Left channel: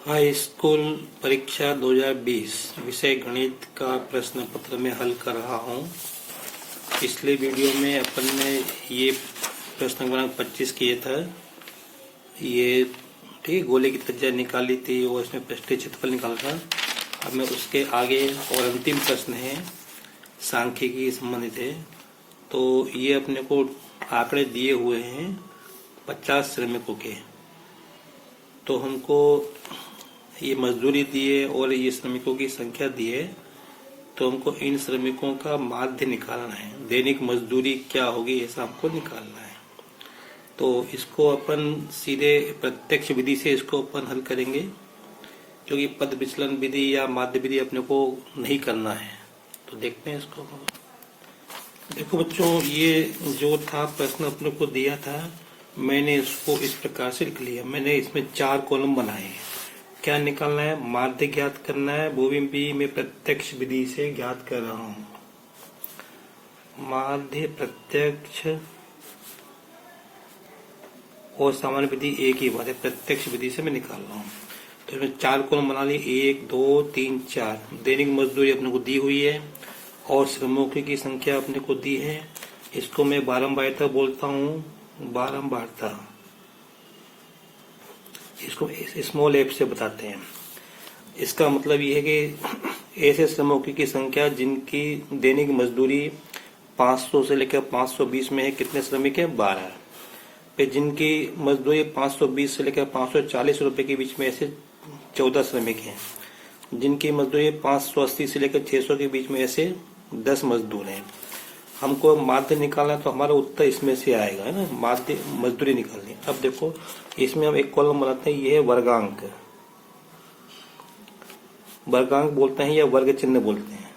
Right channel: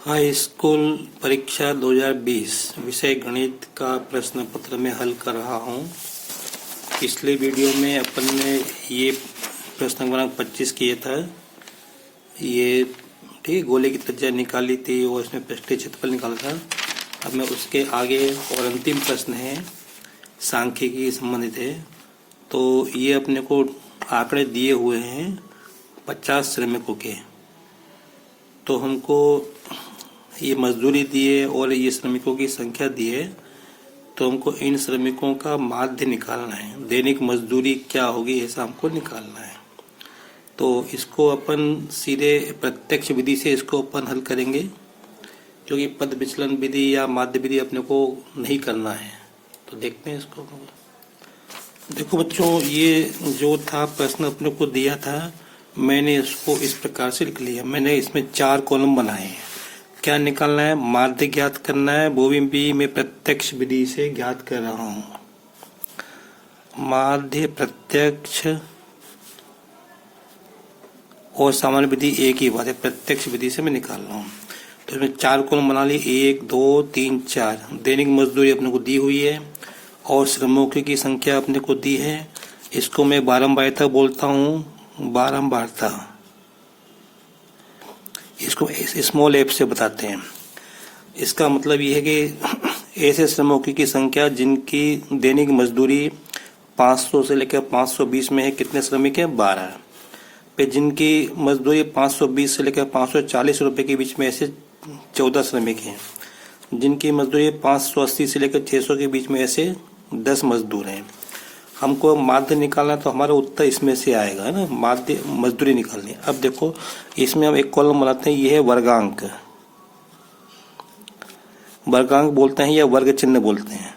High school परीक्षा 2020 विषय गणित का प्रश्न पत्र में हल कर रहा हूँ। पिछले वीडियो में अपन ने ये प्रश्न क्रमांक 25 किए था। ये ठीक गोले की त्रिज्या निकाली थी और इसमें पृष्ठीय क्षेत्रफल निकाला था। अब मैं उसके आगे और अंतिम प्रश्न है सांख्यिकी संबंधित है। तो ये अपने को आंकड़े दिए हुए हैं 50 श्रमिकों के। तो हमको ये मजदूरी दी है और ये श्रमिकों की संख्या दी है। तो हमको इन श्रमिकों का माध्य निकालना है। दैनिक मजदूरी क्या होगी ऐसा हमको निकालना है। तो इसको अपन सीधे प्रत्यक्ष विधि से इसको अपन हल करेंगे, क्योंकि पद विचलन विधि या माध्य विधि अपने को नहीं करना है। तो देखते हैं इसको। देखो बच्चों, ये जो था प्रश्न अपने को दिया था, मैंने इसको इस प्रकार से लिख लिया। मैंने इसमें 4 कॉलम बनाए हैं। क्या निकालना है? माध्य ज्ञात करना है। वो भी मैं प्रत्यक्ष विधि से ज्ञात कर रहा हूं। माध्य प्रत्यक्ष और सामान्य विधि एक ही बात है। प्रत्यक्ष विधि से मैं निकाल रहा हूं। तो इसमें 4 कॉलम बना लिए। 1 2 3 4। दैनिक मजदूरी अपने को दी हुई है और श्रमिकों की संख्या अपने को दी है। इसको मैं बारंबारता बोलता हूँ। बारंबारता इसको स्मॉल एफ से बताते हैं। इसका मतलब ये है कि ऐसे श्रमिकों की संख्या जिनकी दैनिक मजदूरी 500 से लेकर 520 में है। कितने श्रमिक हैं? 12। फिर जिनकी मजदूरी 520 से लेकर 540 रुपए के बीच में ऐसे 14 श्रमिक हैं। जिनकी मजदूरी 580 से लेकर 600 के बीच में ऐसे 10 मजदूर हैं। हमको माध्य निकालना, तो हमारा उत्तर इसमें से आएगा, है ना। माध्य मजदूरी निकालनी। अब देखो, इसमें हम एक कॉलम बनाते हैं। ये है वर्गांक। वर्गांक बोलते हैं या वर्ग चिन्ह बोलते हैं,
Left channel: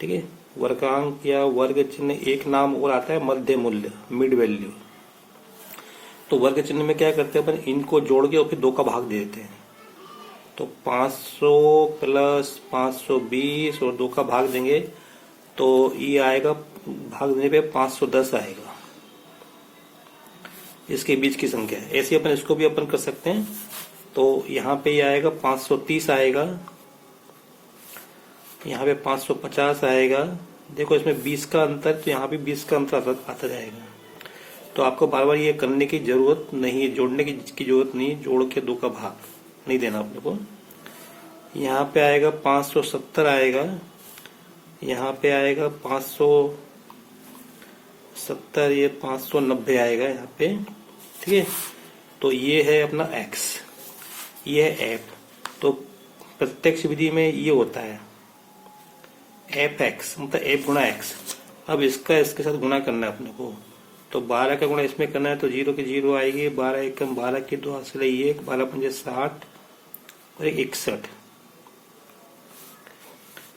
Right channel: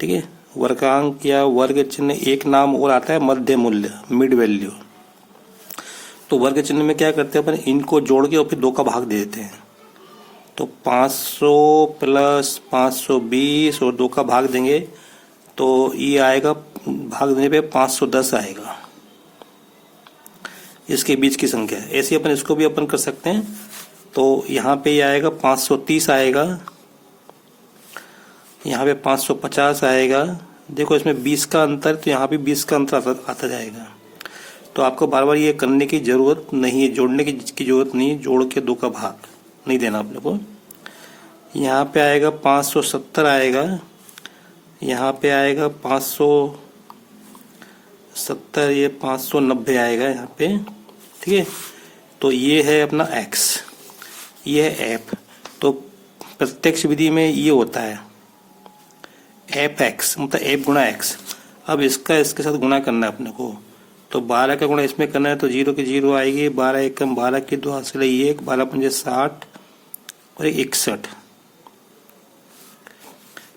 ठीक है। वर्गांक या वर्ग चिन्ह एक नाम और आता है मध्य मूल्य, मिड वैल्यू। तो वर्ग चिन्ह में क्या करते हैं अपन? इनको जोड़ के और फिर 2 का भाग दे देते हैं। तो 500 प्लस 520 और 2 का भाग देंगे तो ये आएगा, भाग देने पे 510 आएगा। इसके बीच की संख्या ऐसे अपन इसको भी अपन कर सकते हैं। तो यहाँ पे ये आएगा 530 आएगा, यहाँ पे 550 आएगा। देखो इसमें 20 का अंतर, तो यहाँ भी 20 का अंतर आता जाएगा। तो आपको बार बार ये करने की जरूरत नहीं है, जोड़ने की जरूरत नहीं। जोड़ के 2 का भाग नहीं देना आप लोग को। यहाँ पे आएगा 570 आएगा, यहाँ पे आएगा 570, ये 590 आएगा यहाँ पे, ठीक है। तो ये है अपना x, ये है f। तो प्रत्यक्ष विधि में ये होता है fx, मतलब f गुणा x। अब इसका इसके साथ गुणा करना है अपने को। तो 12 का गुणा इसमें करना है, तो 0 की 0 आएगी। 12 एकम 12 की 2 हासिल 1, 12 पंजे 60 और 61।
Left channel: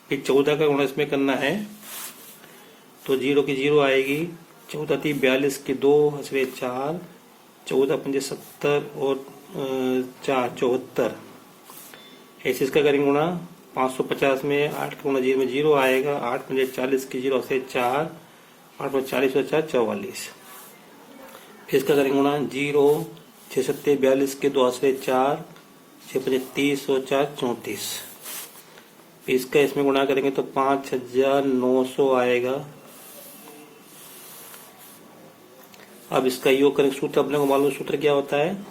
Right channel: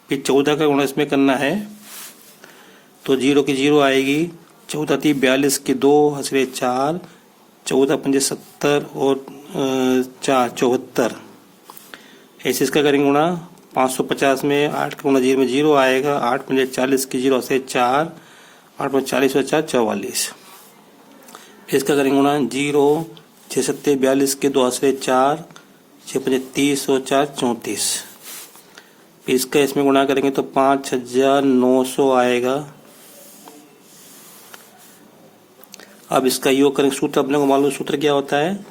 फिर 14 का गुणा इसमें करना है, तो 0 की 0 आएगी। 14 थी 42 की 2 हंसरे 4, 14 पंजे 70 और 4 74। ऐसे इसका करेंगे गुणा। 550 में 8 का गुणा 0 में 0 आएगा। 8 पंजे 40 की 0 हंसरे 4, 8 पंजे 40 और 4 44। फिर इसका करेंगे गुणा। 0 6 सत्ते 42 के 2 हंसरे 4, 6 पंजे 30 और 4 34। इसका इसमें गुणा करेंगे तो 5900 आएगा। अब इसका योग करेंगे। सूत्र अपने को मालूम, सूत्र क्या होता है?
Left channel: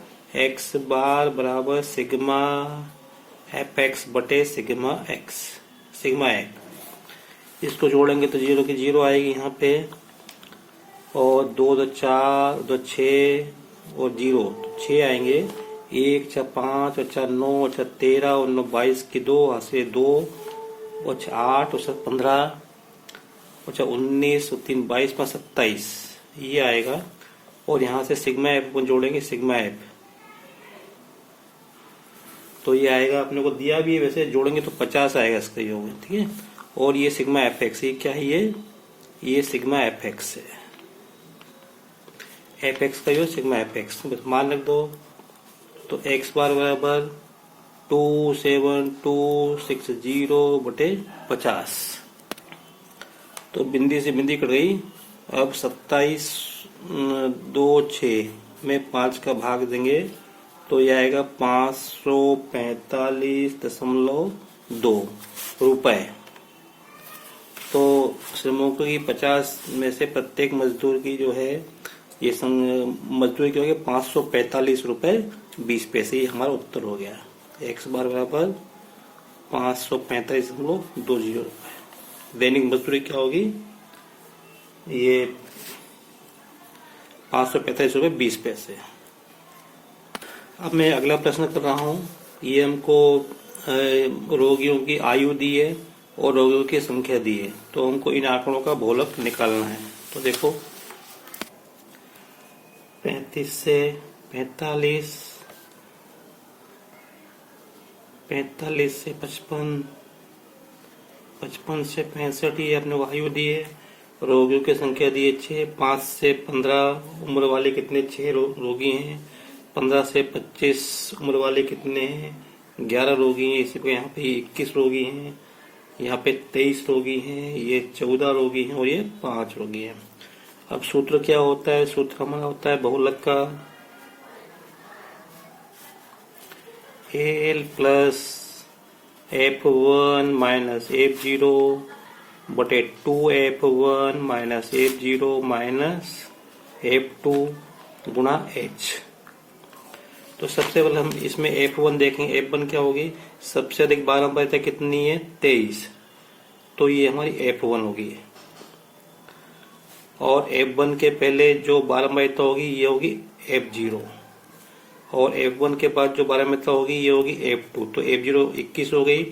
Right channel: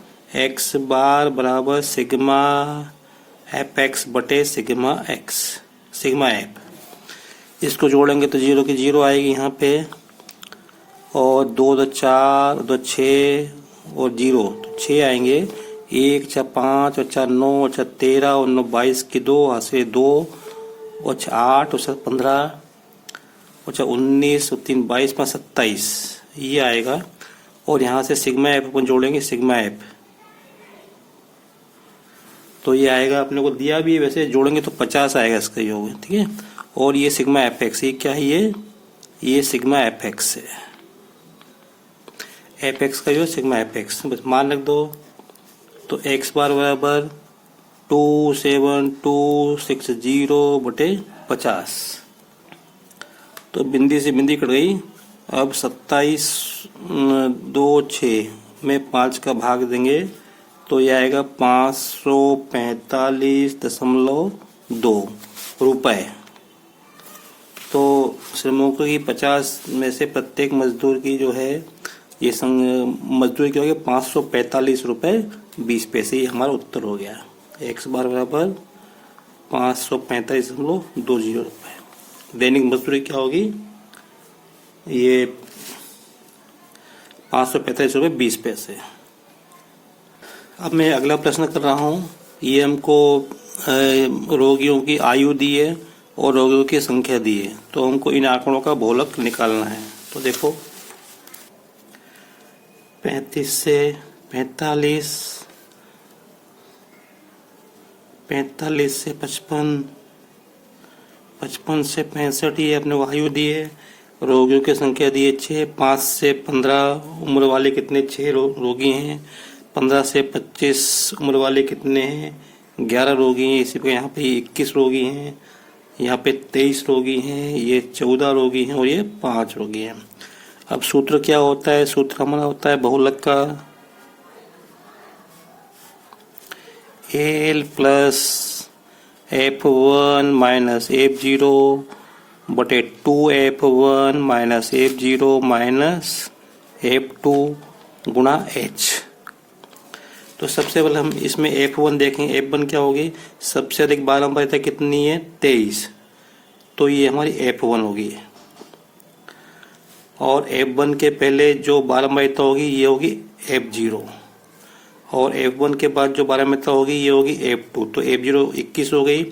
x बार बराबर सिग्मा एफ एक्स बटे सिग्मा एक्स, सिग्मा एफ। इसको जोड़ेंगे तो 0 की 0 आएगी यहाँ पे, और 2 2 4 2 6 और 0 6 आएंगे। 1 4 5 और 4 9 और 4 13 और 9 22 की 2 हासिल 2 और 8 और 15 और 19 और 3 22 5 27, ये आएगा। और यहाँ से सिग्मा एफ अपन जोड़ेंगे, सिग्मा एफ। तो ये आएगा, अपने को दिया भी है वैसे, जोड़ेंगे तो 50 आएगा इसका योग, ठीक है। और ये सिग्मा एफ एक्स, ये क्या है? ये सिग्मा एफ एक्स है। एफ एक्स का योग सिग्मा एफ एक्स बस मान रख दो। तो एक्स बार बराबर 27260 बटे 50। तो बिंदी से बिंदी कट गई। अब 27 2 6 में 5 का भाग देंगे तो यह आएगा 545.2 रुपए। तो श्रमिकों की 50 में से प्रत्येक मजदूर की जो है ये मजदूरी की होगी 545 रुपए 20 पैसे। ये हमारा उत्तर हो गया। x बार बराबर 545.20 रुपए। दैनिक मजदूरी क्या होगी? ये 545 रुपए 20 पैसे। अब मैं अगला प्रश्न कर रहा हूँ। ये हमको रोगियों की आयु दी है और रोगियों की संख्या दी है, तो हमको इन आंकड़ों का बहुलक निकालना है। तो देखो 35 से 45, 45 से 55, 55 से 65, ये अपने वायु दी है। रोगियों की संख्या दी है 6। 5 से 15 उम्र वाले कितने 6 रोगी हैं। 15 से 25 उम्र वाले कितने हैं 11 रोगी हैं। इसी को यहाँ पे 21 रोगी हैं, यहाँ पे 23 रोगी हैं, ये 14 रोगी हैं और ये 5 रोगी हैं। अब सूत्र क्या होता है? सूत्र हमारा होता है बहुलक का L plus F1 minus F0 बटे 2F1 minus F0 minus F2 गुणा H। तो सबसे पहले हम इसमें F1 देखेंगे। F1 क्या होगी? सबसे अधिक बारंबारिता कितनी है? 23। तो ये हमारी F1 होगी। और F1 के पहले जो बारंबारिता होगी ये होगी F0, और F1 के बाद जो बारंबारिता होगी ये होगी F2। तो F0 21 हो गई,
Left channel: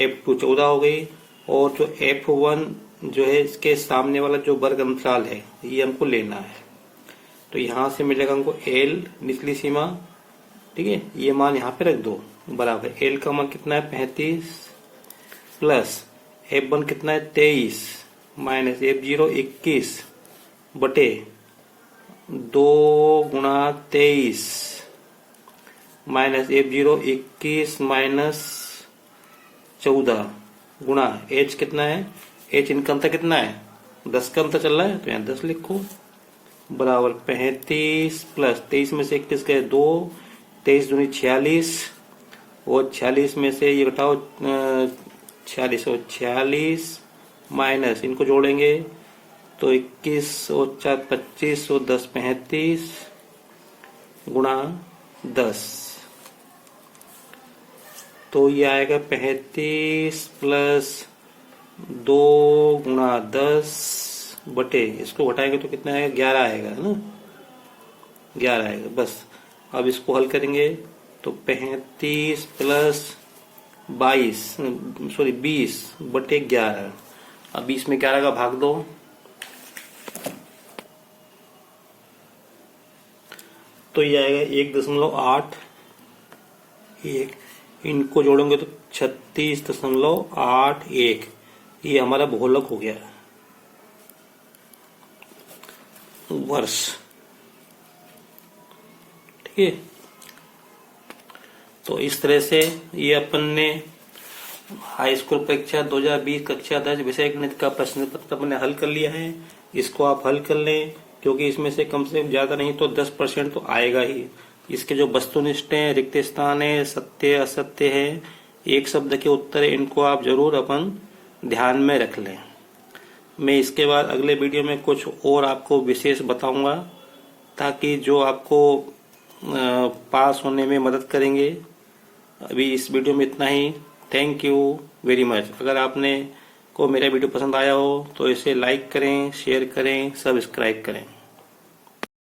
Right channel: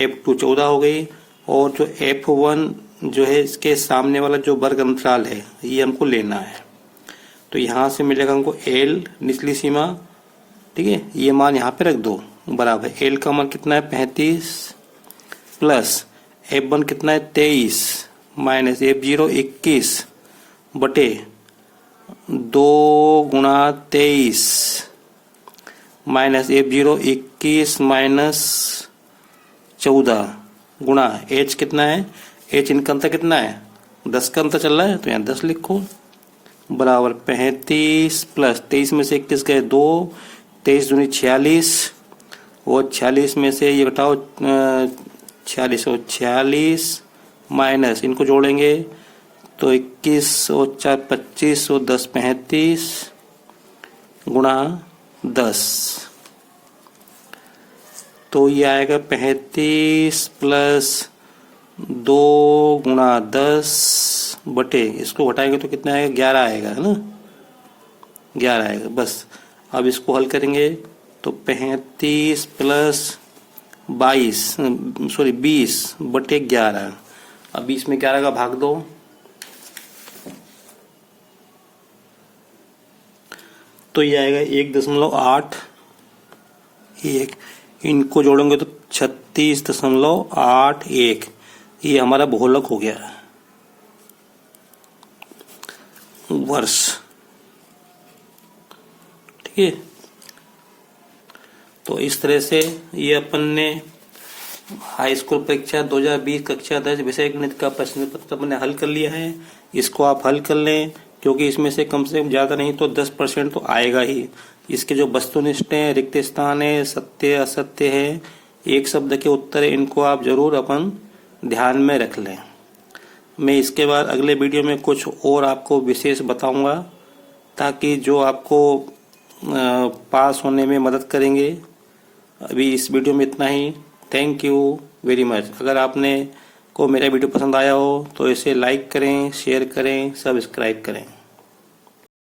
F2 14 हो गई, और जो F1 जो है इसके सामने वाला जो वर्ग अंतराल है ये हमको लेना है। तो यहाँ से मिलेगा हमको L निचली सीमा, ठीक है, ये मान यहाँ पे रख दो बराबर। L का मान कितना है 35 प्लस F1 कितना है 23 माइनस F0 21 बटे 2 गुणा 23 माइनस F0 21 माइनस 14 गुणा H कितना है? H इनका अंतर कितना है? 10 का अंतर चल रहा है, तो यहाँ 10 लिखो बराबर 35 प्लस 23 में से 21 गए 2, 23 दूनी 46, और 46 में से ये घटाओ 46 और 46 माइनस इनको जोड़ेंगे तो 21 और 4 25 और 10 35 गुणा 10। तो ये आएगा 35 प्लस 2 गुणा 10 बटे, इसको घटाएंगे तो कितना आएगा? 11 आएगा, है ना, 11 आएगा बस। अब इसको हल करेंगे तो 35 प्लस 20 बटे 11। अब 20 में 11 का भाग दो, तो ये आएगा 1.81। इनको जोड़ेंगे तो 36.81। ये हमारा बहुलक हो गया वर्ष, ठीक है। तो इस तरह से ये अपन ने हाई स्कूल परीक्षा 2020 कक्षा 10 विषय गणित का प्रश्न पत्र अपने हल कर लिया है। इसको आप हल कर लें, क्योंकि इसमें से कम से कम ज्यादा नहीं तो 10% तो आएगा ही। इसके जो वस्तुनिष्ठ हैं, रिक्त स्थान है, सत्य असत्य है, एक शब्द के उत्तर है, इनको आप जरूर अपन ध्यान में रख लें। मैं इसके बाद अगले वीडियो में कुछ और आपको विशेष बताऊंगा, ताकि जो आपको पास होने में मदद करेंगे। अभी इस वीडियो में इतना ही। Thank you very much. अगर आपने को मेरा वीडियो पसंद आया हो तो इसे लाइक करें, शेयर करें, सब्सक्राइब करें।